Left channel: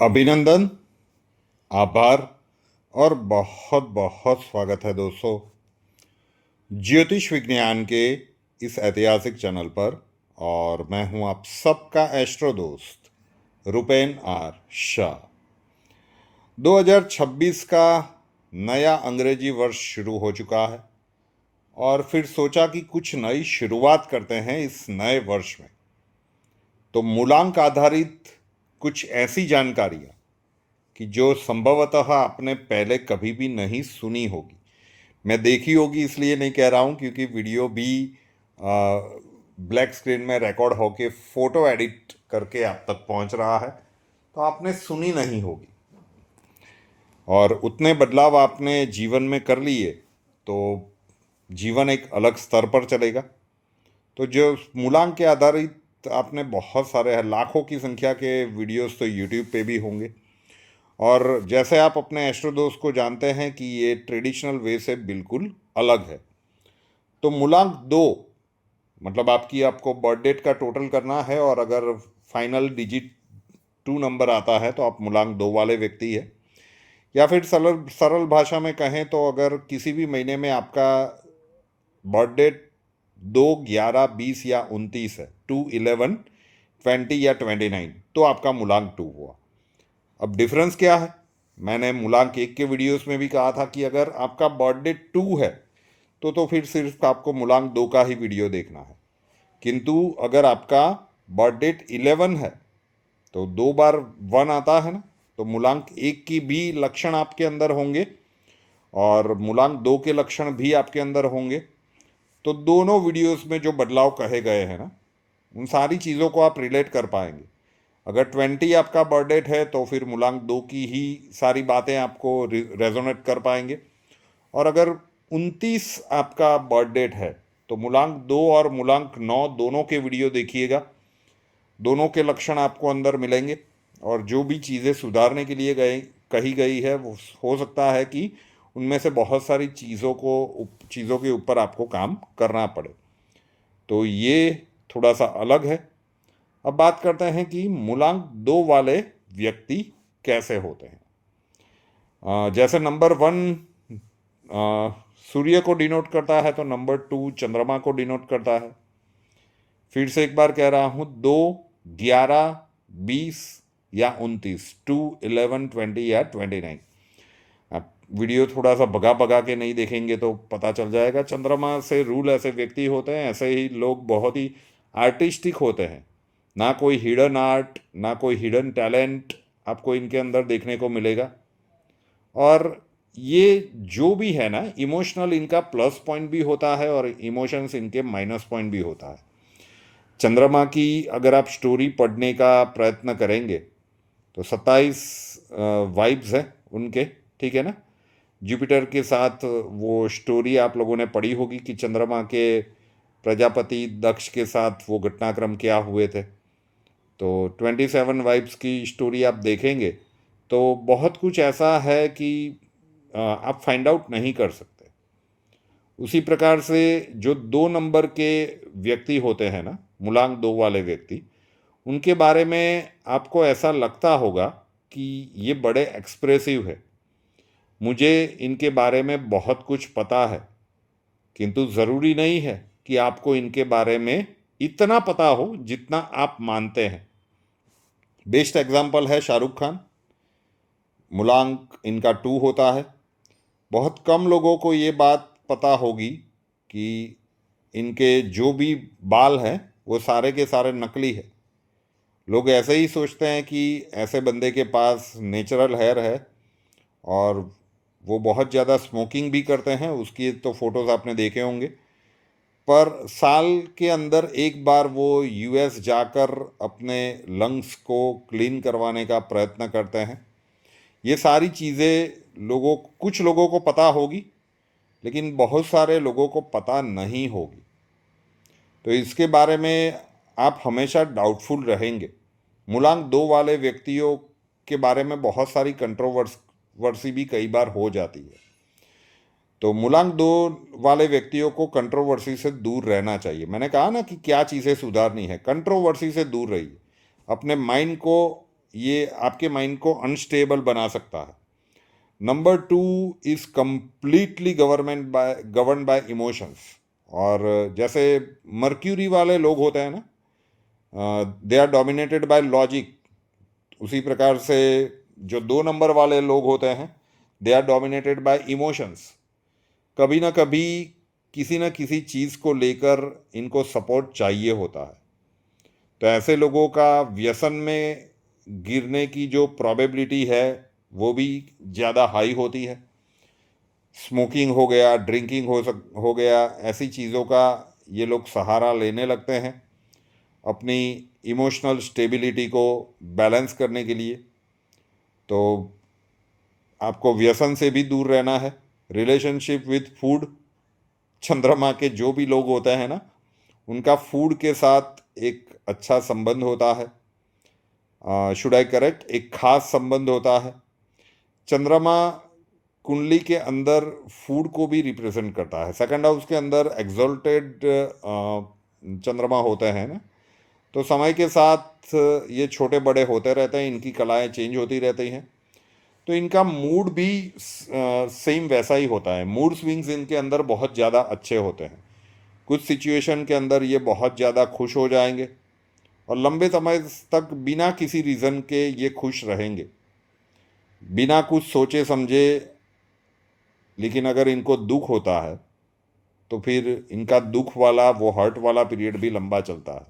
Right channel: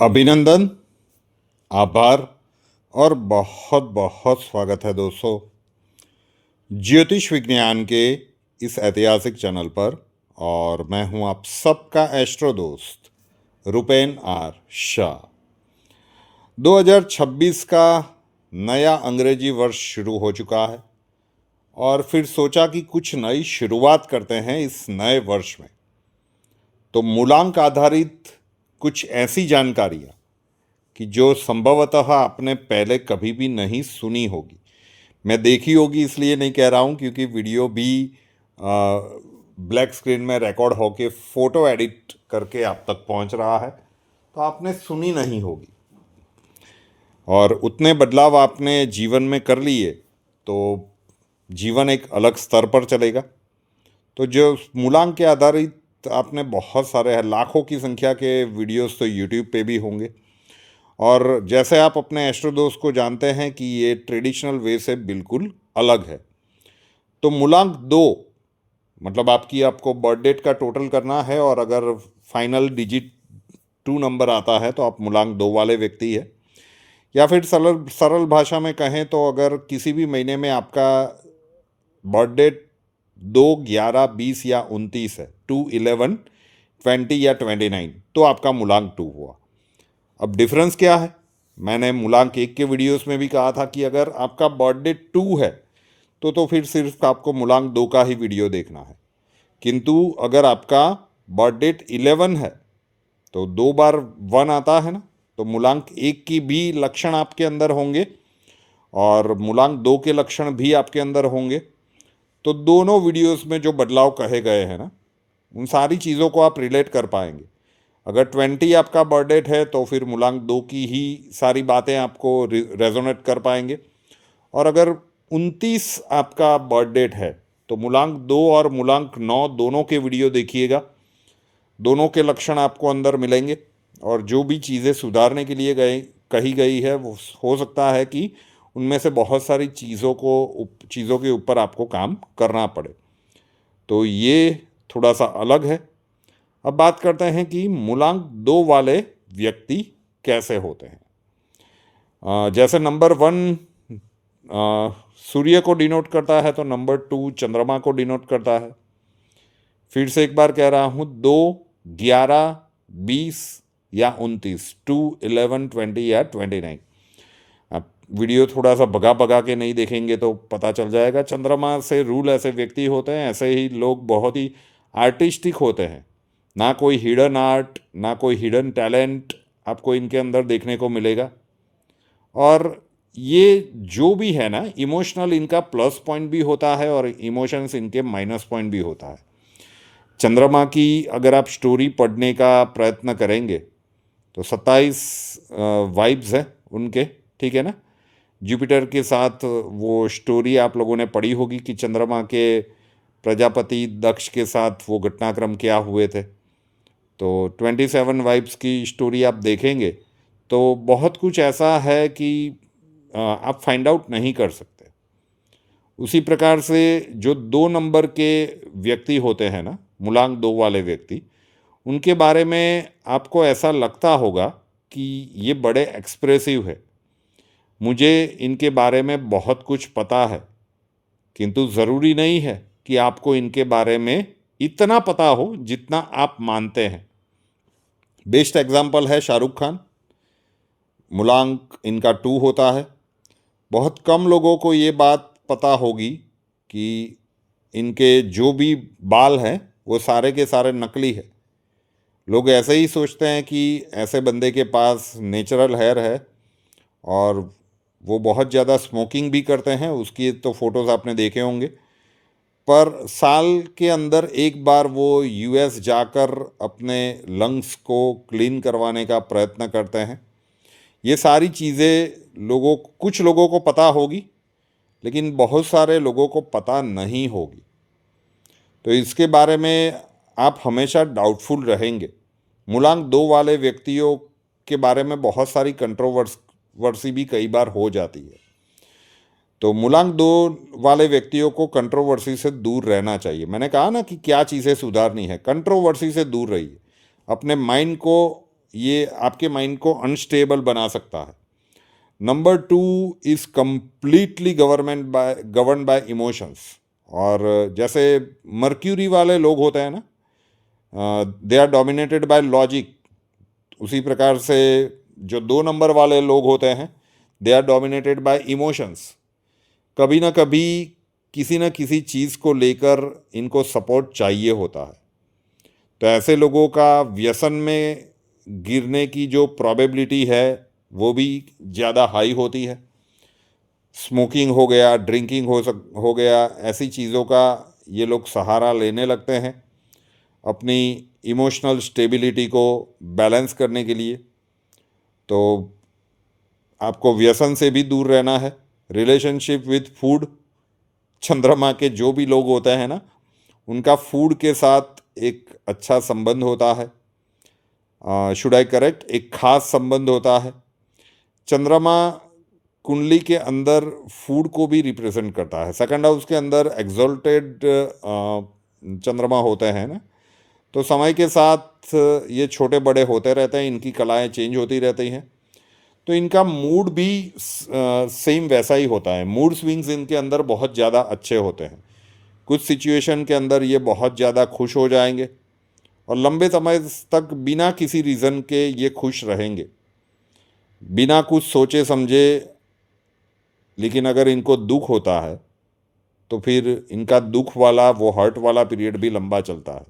अभिनंदन, आभार और बहुत बहुत स्वागत है दोस्तों ज्योतिष विज्ञान के इस ऐतिहासिक चैनल पर। और मैं हूं आप सबका एस्ट्रो दोस्त रुपेन आर शाह। 2026 का नया अंग्रेजी वर्ष शुरू हो चुका है और फिर सोचा कि कुछ नई शुरुआत करते हैं इस नए वर्ष में। तो मूलांक आधारित कुछ ऐसी जानकारियाँ कि जो संभवतः आपने पहले कभी भी नहीं सुनी होगी। मैं देखी होगी इसलिए नहीं कह रहा हूँ, क्योंकि वीडियो भी ब्लैक स्क्रीन में रिकॉर्ड होके फोटो एडिट करके आप तक पहुँच रहा है, तो आपने सुनी नहीं होगी। और उतने बदलाव आपने जीवन में कर लिए तो जीवन एक अलग स्तर पर चलेगा। तो जो मूलांक के आधारित आपने बहुत सारे लाखों की संख्या के वीडियोस तो यूट्यूब पे भी होंगे। और जैसे आप अपने एस्ट्रो दोस्त को जानते हैं कि ये ट्रेडिशनल वे से बिल्कुल अलग है। तो मूलांक 2 मतलब आपको बर्थ डेट का टोटल करना है, और अगर फाइनल डिजिट 2 नंबर आता है तो आप मूलांक 2 वाले व्यक्ति है। या फिर सरल सरल भाषा में कहें तो अगर किसी भी महीने में आपका बर्थ डेट 2, 11, 20 या 29 है, 2, 11, 20 या 29, तो आपका मूलांक 2 हुआ। अब डिफरेंस क्या है? मैंने मूलांक 1 के वीडियोस में भी कहा था कि अगर आपका बर्थ डेट 2 है तो फिर सिर्फ आपको मूलांक 2 का ही वीडियो देखना है। किंतु अगर आपका बर्थ डेट 11 है तो 2 बार 1 आता है ना, तो मूलांक 1 की भी लक्षण आपके अंदर होंगे और मूलांक 2 के लक्षण भी आपके अंदर होंगे। तो दोनों वीडियोस में जो बदलाव कहे गए हैं ना, उन सारी चीज़ों को आप रिलेट कर पाएंगे। अगर 20 आपका बर्थ डेट है तो फिर मूलांक 2 की ही सारी बातें आपको रेजोनेट कर पाएंगे। और अगर 29 आपका बर्थ डेट है तो मूलांक 2 और मूलांक 9 दोनों के वीडियो देखिएगा। दोनों के लक्षण आपको अंदर मिलेंगे और जो भी चीज़ें सुधारने के लिए कही गई है वो हो सकता है कि उनमें से बहुत सारी चीज़ों के ऊपर आपको काम करना पड़े। तो ये थोड़ा सा अलग है। अब बात करते हैं कि मूलांक 2 वाले व्यक्ति कैसे होते हैं। जैसे नंबर 1 सूर्य को डिनोट करता है तो नंबर 2 चंद्रमा को डिनोट करता है। फिर से एक बार कह रहा हूँ, 2, 11, 20 या 29, 2, 11, 20 या 29। आप वीडियो थोड़ा सा भगा भगा के नहीं देखेंगे तो पता चल जाएगा। चंद्रमा से रूल ऐसे व्यक्ति होते हैं, ऐसे ही लोग बहुत ही आर्टिस्टिक होते हैं। ना कोई हिडन आर्ट, ना कोई हिडन टैलेंट आपको इनके अंदर देखने को मिलेगा। और ये जो भी है ना, इमोशनल इनका प्लस पॉइंट भी होता है और इमोशंस इनके माइनस पॉइंट भी होता है। चंद्रमा की अगर आप स्टोरी पढ़ने का प्रयत्न करेंगे तो 27 वाइब्स है उनके, ठीक है ना। जुपिटर के साथ वो स्टोरी आप लोगों ने पढ़ी होगी कि चंद्रमा के प्रजापति दक्ष के साथ वो घटनाक्रम क्या हुए थे। तो 27 वाइब्स की स्टोरी आप देखेंगे तो बहुत कुछ ऐसा है कि आप फाइंड आउट नहीं कर सकते। उसी प्रकार से जो 2 नंबर के व्यक्ति होते हैं ना, मूलांक 2 वाले व्यक्ति, उनके बारे में आपको ऐसा लगता होगा कि ये बड़े एक्सप्रेसिव है, मुझे इनके बारे में बहुत कुछ पता है। किंतु ज़रूरी नहीं है कि आपको इनके बारे में इतना पता हो जितना आप मानते हैं। बेस्ट एग्जाम्पल है शाहरुख खान। मूलांक इनका 2 होता है। बहुत कम लोगों को ये बात पता होगी कि इनके जो भी बाल हैं वो सारे के सारे नकली है। लोग ऐसे ही सोचते हैं कि ऐसे बंदे के पास नेचुरल हेयर है, और वो बहुत ज़्यादा स्मोकिंग भी करते हैं। उसकी तो फोटोज़ आपने देखे होंगे। पर साल के अंदर एक बार वो यूएस जाकर अपने लंग्स को क्लीन करवाने का प्रयत्न करते हैं। ये सारी चीज़ें कुछ लोगों को पता होगी, लेकिन बहुत सारे लोगों को पता नहीं होगी। तो इसके बारे में आप हमेशा डाउटफुल रहेंगे। मूलांक 2 वाले व्यक्तियों के बारे में बहुत सारी कंट्रोवर्सी भी कई बार हो जाती है। तो मूलांक 2 वाले व्यक्तियों को कंट्रोवर्सी से दूर रहना चाहिए। मैंने कहा ना कि क्या चीज़ें सुधारनी है, कंट्रोवर्सी से दूर रहिए। अपने माइंड को, ये आपके माइंड को अनस्टेबल बना सकता है। Number 2 is completely govern by emotions. और जैसे मर्क्यूरी वाले लोग होते हैं ना, they are dominated by logic, उसी प्रकार से जो 2 नंबर वाले लोग होते हैं they are dominated by emotions. कभी ना कभी किसी न किसी चीज़ को लेकर इनको सपोर्ट चाहिए होता है। तो ऐसे लोगों का व्यसन में गिरने की जो प्रोबेबिलिटी है वो भी ज़्यादा हाई होती है। स्मोकिंग हो गया, ड्रिंकिंग हो गया, ऐसी चीज़ों का ये लोग सहारा लेने लगते हैं अपनी इमोशनल स्टेबिलिटी को बैलेंस करने के लिए। तो आपको व्यसन से भी दूर रहना है। रिलेशनशिप विथ फूड, चंद्रमा के जो भी लोग होते हैं ना, उनका फूड के साथ एक अच्छा संबंध होता है, शुड आई करेक्ट, एक खास संबंध होता है। चंद्रमा कुंडली के अंदर फूड को भी रिप्रेजेंट करता है। सेकंड हाउस के अंदर एग्जॉल्टेड चंद्रमा होते हैं ना, तो समय के साथ ये छोटे बड़े होते रहते हैं, इनकी कलाएं चेंज होती रहती हैं। तो इनका मूड भी सेम वैसा ही होता है। मूड स्विंग्स इनके अंदर बहुत ज़्यादा अच्छे होते हैं। कुछ सिचुएशन के अंदर ये बहुत ज़्यादा खुश हो जाएंगे और लंबे समय तक बिना किसी रीज़न के ये खुश रहेंगे, बिना कुछ सोचे समझे। लेकिन अगर इनको दुख होता है तो फिर इनका दुख वाला, वो हर्ट वाला पीरियड भी लंबा चलता है।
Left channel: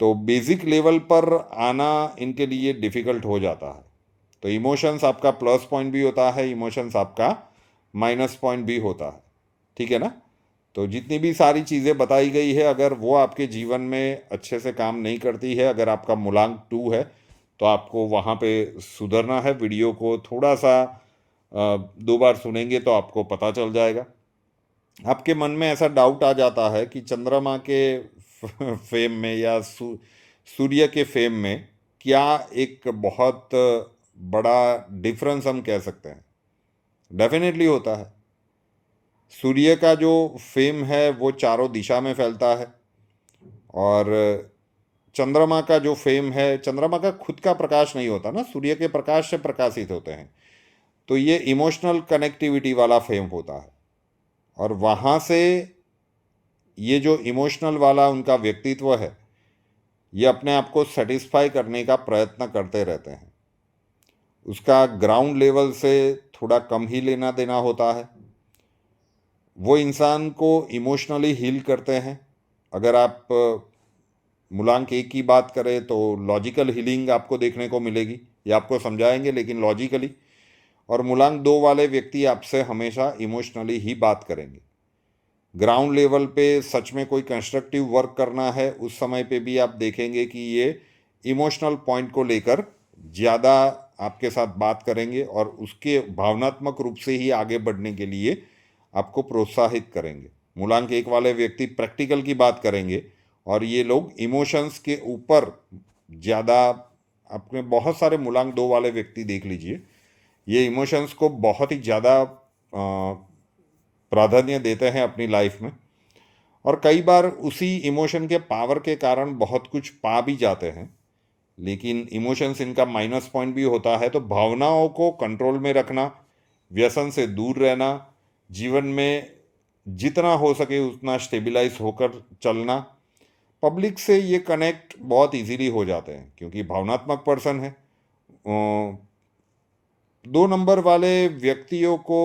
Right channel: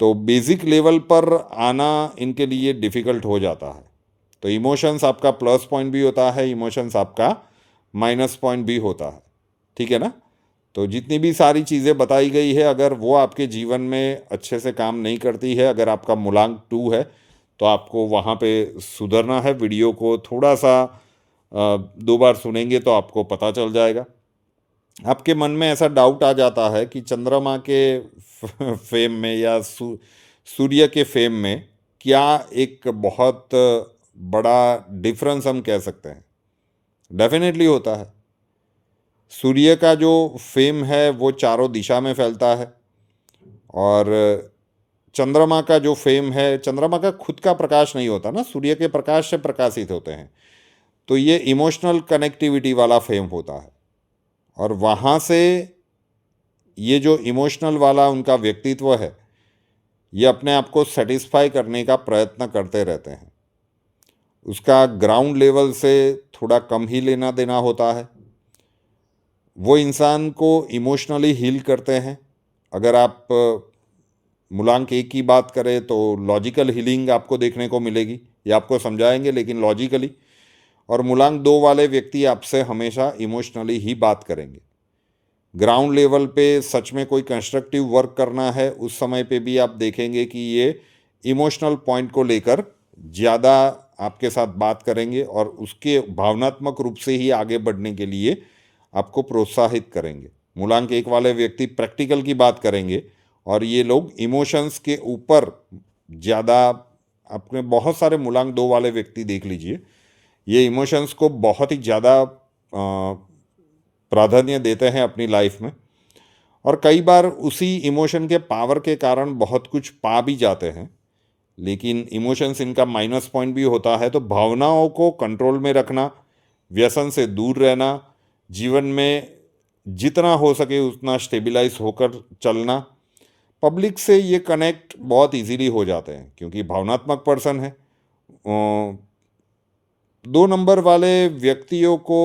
तो बेसिक लेवल पर आना इनके लिए डिफ़िकल्ट हो जाता है। तो इमोशंस आपका प्लस पॉइंट भी होता है, इमोशंस आपका माइनस पॉइंट भी होता है, ठीक है ना। तो जितनी भी सारी चीज़ें बताई गई है, अगर वो आपके जीवन में अच्छे से काम नहीं करती है, अगर आपका मूलांक 2 है, तो आपको वहाँ पे सुधरना है। वीडियो को थोड़ा सा 2 बार सुनेंगे तो आपको पता चल जाएगा। आपके मन में ऐसा डाउट आ जाता है कि चंद्रमा के फेम में या सूर्य के फेम में क्या एक बहुत बड़ा डिफरेंस हम कह सकते हैं? डेफिनेटली होता है। सूर्य का जो फेम है वो चारों दिशा में फैलता है, और चंद्रमा का जो फेम है, चंद्रमा का खुद का प्रकाश नहीं होता ना, सूर्य के प्रकाश से प्रकाशित होते हैं। तो ये इमोशनल कनेक्टिविटी वाला फेम होता है, और वहाँ से ये जो इमोशनल वाला उनका व्यक्तित्व है, ये अपने आप को सेटिस्फाई करने का प्रयत्न करते रहते हैं। उसका ग्राउंड लेवल से थोड़ा कम ही लेना देना होता है। वो इंसान को इमोशनली हील करते हैं। अगर आप मूलांक 1 की बात करें तो लॉजिकल हीलिंग आपको देखने को मिलेगी, ये आपको समझाएंगे लेकिन लॉजिकली। और मूलांक 2 वाले व्यक्ति आपसे हमेशा इमोशनली ही बात करेंगे। ग्राउंड लेवल पे सच में कोई कंस्ट्रक्टिव वर्क करना है, उस समय पे भी आप देखेंगे कि ये इमोशनल पॉइंट को लेकर ज़्यादा आपके साथ बात करेंगे और उसके भावनात्मक रूप से ही आगे बढ़ने के लिए आपको प्रोत्साहित करेंगे। मूलांक 1 वाले व्यक्ति प्रैक्टिकल की बात करेंगे और ये लोग इमोशंस के ऊपर ज़्यादा, अपने बहुत सारे मूलांक 2 वाले व्यक्ति देख लीजिए, ये इमोशंस को बहुत ही ज़्यादा प्राधान्य देते हैं अपनी लाइफ में, और कई बार उसी इमोशन के पावर के कारण बहुत कुछ पा भी जाते हैं। लेकिन इमोशंस इनका माइनस पॉइंट भी होता है। तो भावनाओं को कंट्रोल में रखना, व्यसन से दूर रहना, जीवन में जितना हो सके उतना स्टेबलाइज होकर चलना। पब्लिक से ये कनेक्ट बहुत इजीली हो जाते हैं क्योंकि भावनात्मक पर्सन है। 2 नंबर वाले व्यक्तियों को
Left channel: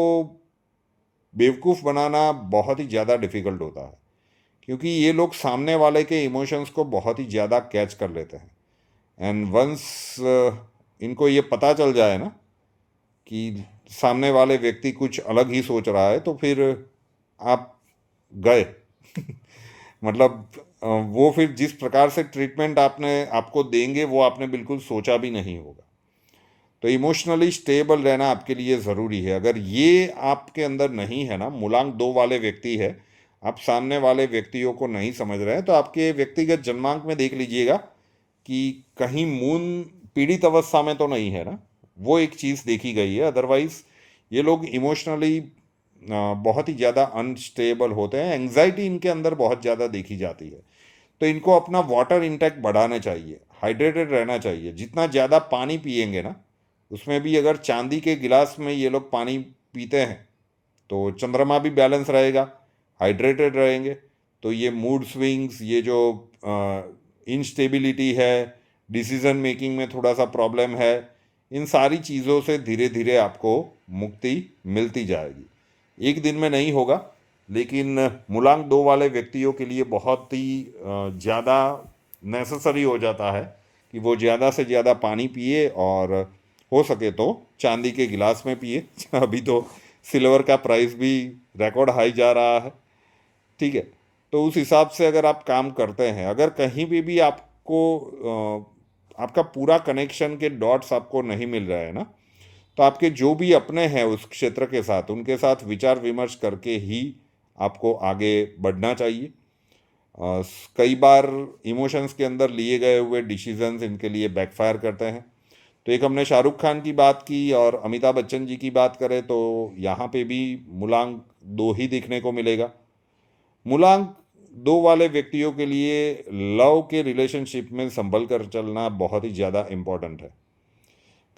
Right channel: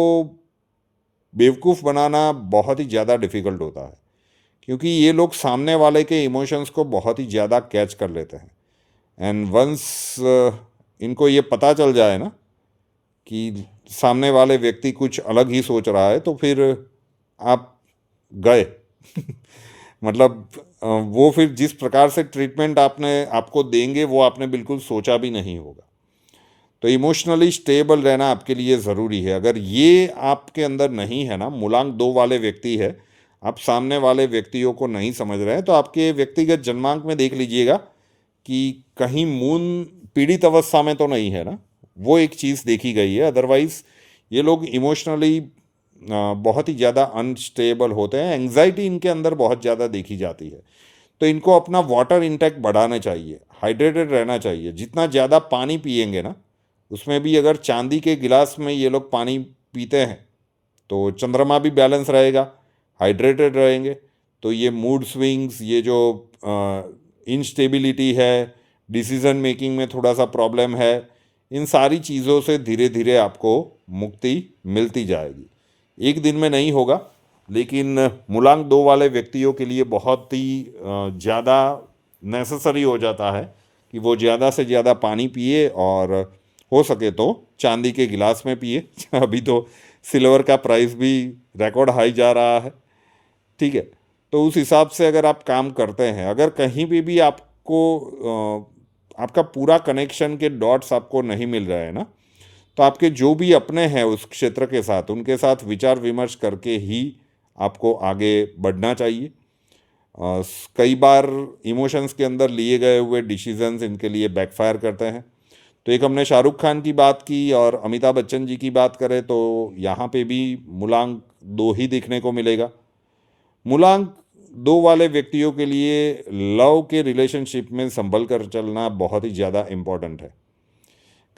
बेवकूफ़ बनाना बहुत ही ज़्यादा डिफ़िकल्ट होता है क्योंकि ये लोग सामने वाले के इमोशंस को बहुत ही ज़्यादा कैच कर लेते हैं। एंड वंस इनको ये पता चल जाए ना कि सामने वाले व्यक्ति कुछ अलग ही सोच रहा है, तो फिर आप गए मतलब वो फिर जिस प्रकार से ट्रीटमेंट आपको देंगे वो आपने बिल्कुल सोचा भी नहीं होगा। तो इमोशनली स्टेबल रहना आपके लिए ज़रूरी है। अगर ये आपके अंदर नहीं है ना, मूलांक 2 वाले व्यक्ति है, आप सामने वाले व्यक्तियों को नहीं समझ रहे हैं, तो आपके व्यक्तिगत जन्मांक में देख लीजिएगा कि कहीं मून पीड़ित अवस्था में तो नहीं है ना, वो एक चीज़ देखी गई है। अदरवाइज़ ये लोग इमोशनली बहुत ही ज़्यादा अनस्टेबल होते हैं। एंग्जाइटी इनके अंदर बहुत ज़्यादा देखी जाती है। तो इनको अपना वाटर इंटेक बढ़ाना चाहिए। हाइड्रेटेड रहना चाहिए। जितना ज़्यादा पानी पिएंगे ना, उसमें भी अगर चांदी के गिलास में ये लोग पानी पीते हैं तो चंद्रमा भी बैलेंस रहेगा, हाइड्रेटेड रहेंगे। तो ये मूड स्विंग्स, ये जो इनस्टेबिलिटी है, डिसीजन मेकिंग में थोड़ा सा प्रॉब्लम है, इन सारी चीज़ों से धीरे धीरे आपको मुक्ति मिलती जाएगी। एक दिन में नहीं होगा, लेकिन मूलांक 2 वाले व्यक्तियों के लिए बहुत ही ज़्यादा नेसेसरी हो जाता है कि वो ज़्यादा से ज़्यादा पानी पिए, और हो सके तो चांदी के गिलास में पिए। अभी तो सिल्वर का प्राइस भी रिकॉर्ड हाई जा रहा है, ठीक है। तो उस हिसाब से अगर आप काम करते हैं, अगर कहीं भी आपको आपका पूरा कनेक्शन के डॉट्स आपको नहीं मिल रहे हैं ना, तो आपके जो भी अपने हैं उस क्षेत्र के साथ, उनके साथ विचार विमर्श करके ही आपको आगे बढ़ना चाहिए। कई बार इमोशंस के अंदर लिए गए हुए डिसीजंस इनके लिए बैकफायर करते हैं। तो एक हमने शाहरुख खान की बात की, और अमिताभ बच्चन जी की बात करें तो यहाँ पे भी मूलांक 2 ही देखने को मिलेगा। मूलांक 2 वाले व्यक्तियों के लिए लव के रिलेशनशिप में संभल कर चलना बहुत ही ज़्यादा इम्पोर्टेंट है।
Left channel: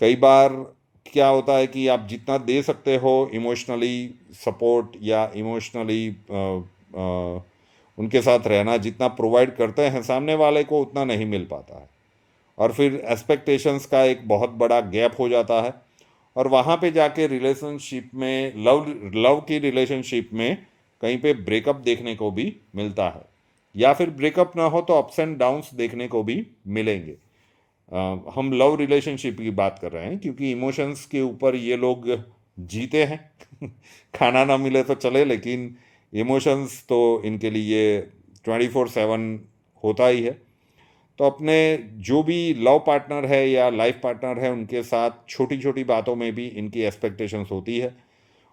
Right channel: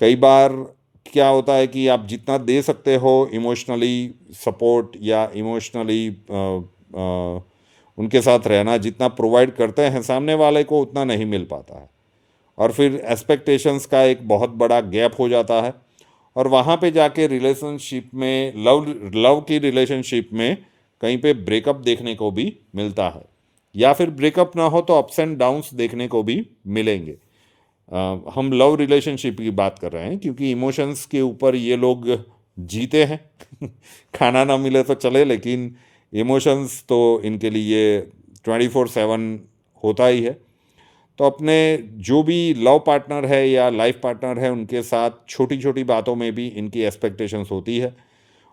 कई बार क्या होता है कि आप जितना दे सकते हो इमोशनली सपोर्ट या इमोशनली उनके साथ रहना, जितना प्रोवाइड करते हैं सामने वाले को, उतना नहीं मिल पाता है, और फिर एक्सपेक्टेशंस का एक बहुत बड़ा गैप हो जाता है, और वहाँ पे जाके रिलेशनशिप में, लव की रिलेशनशिप में कहीं पे ब्रेकअप देखने को भी मिलता है, या फिर ब्रेकअप ना हो तो अप्स एंड डाउन्स देखने को भी मिलेंगे। हम लव रिलेशनशिप की बात कर रहे हैं क्योंकि इमोशंस के ऊपर ये लोग जीते हैं। खाना ना मिले तो चले, लेकिन इमोशंस तो इनके लिए 24/7 होता ही है। तो अपने जो भी लव पार्टनर है या लाइफ पार्टनर है, उनके साथ छोटी छोटी बातों में भी इनकी एक्सपेक्टेशंस होती है,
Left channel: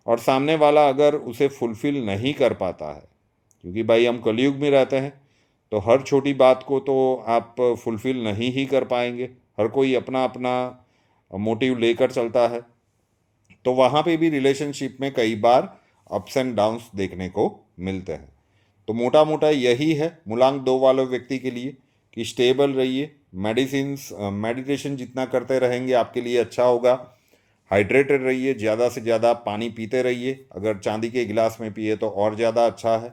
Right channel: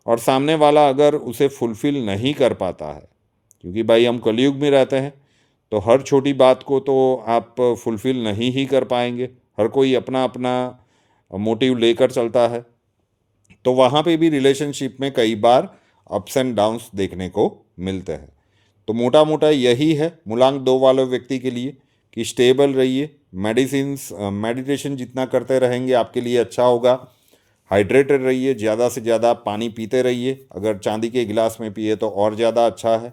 और सामने वाला अगर उसे फुलफ़िल नहीं कर पाता है, क्योंकि भाई हम कलयुग में रहते हैं, तो हर छोटी बात को तो आप फुलफ़िल नहीं ही कर पाएंगे। हर कोई अपना अपना मोटिव लेकर चलता है, तो वहाँ पे भी रिलेशनशिप में कई बार अप्स एंड डाउन्स देखने को मिलते हैं। तो मोटा मोटा यही है मूलांक 2 वाले व्यक्ति के लिए कि स्टेबल रहिए, मेडिटेशन जितना करते रहेंगे आपके लिए अच्छा होगा, हाइड्रेटेड रहिए, ज़्यादा से ज़्यादा पानी पीते रहिए, अगर चांदी के गिलास में पिए तो और ज़्यादा अच्छा है।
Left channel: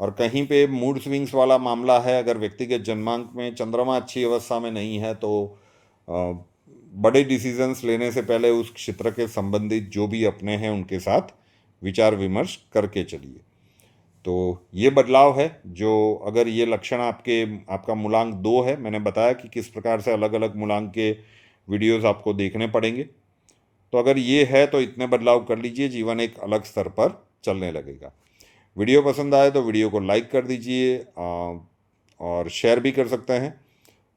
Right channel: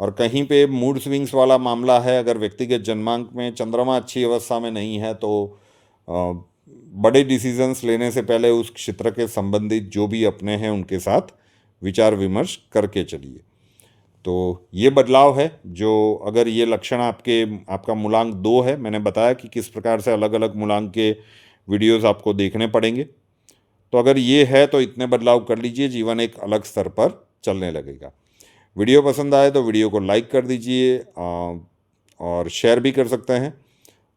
और कहीं पे मूड स्विंग्स वाला मामला है, अगर व्यक्तिगत जन्मांक में चंद्रमा अच्छी अवस्था में नहीं है, तो बड़े डिसीजंस लेने से पहले उस क्षेत्र के संबंधित जो भी अपने हैं उनके साथ विचार विमर्श करके चलिए। तो ये बदलाव है, जो अगर ये लक्षण आपका मूलांक 2 है, मैंने बताया कि किस प्रकार से अलग अलग मूलांक के वीडियोस आपको देखने पड़ेंगे। तो अगर ये है तो इतने बदलाव कर लीजिए, जीवन एक अलग स्तर पर चलने लगेगा। वीडियो पसंद आए तो वीडियो को लाइक कर दीजिए, और शेयर भी कर सकते हैं,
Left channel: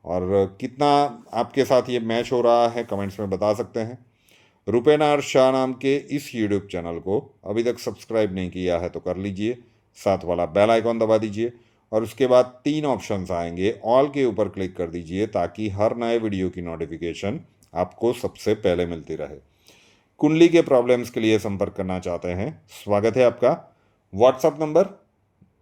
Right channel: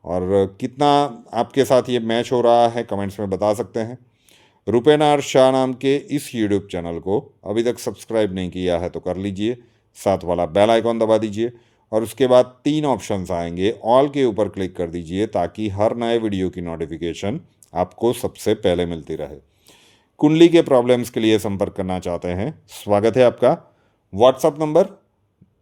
और कितना आपके साथ ये मैच हो रहा है कमेंट्स में बता सकते हैं। रुपेनार शाह नाम के इस यूट्यूब चैनल को अभी तक सब्सक्राइब नहीं किया है तो कर लीजिए, साथ वाला बेल आइकॉन दबा दीजिए, और उसके बाद 3 ऑप्शंस आएंगे, ऑल के ऊपर क्लिक कर दीजिए ताकि हर नए वीडियो की नोटिफिकेशन आपको सबसे पहले मिलती रहे। कुंडली के प्रॉब्लम्स के लिए संपर्क करना चाहते हैं, स्वागत है आपका। व्हाट्सअप नंबर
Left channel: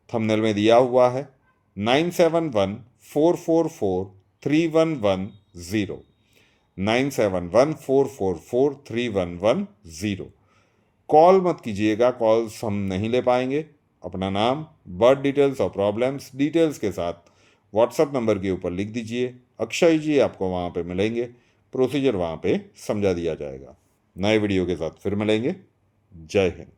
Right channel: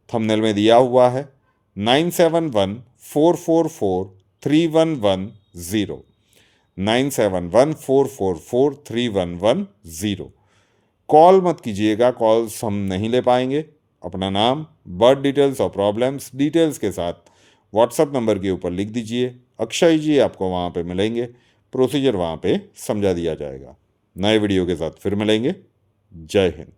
थंबनेल में दिया हुआ है, 9714443110, 9714443110। कॉल मत कीजिएगा, कॉल्स हम नहीं ले पाएंगे। अपना नाम, बर्थ डिटेल्स और प्रॉब्लम्स डिटेल्स के साथ व्हाट्सएप नंबर के ऊपर लिख दीजिए। अक्षय जी आपको वहाँ पे मिलेंगे, प्रोसीजर वहाँ पे समझा दिया जाएगा। नए वीडियो के साथ फिर मिलेंगे। जय हिंद।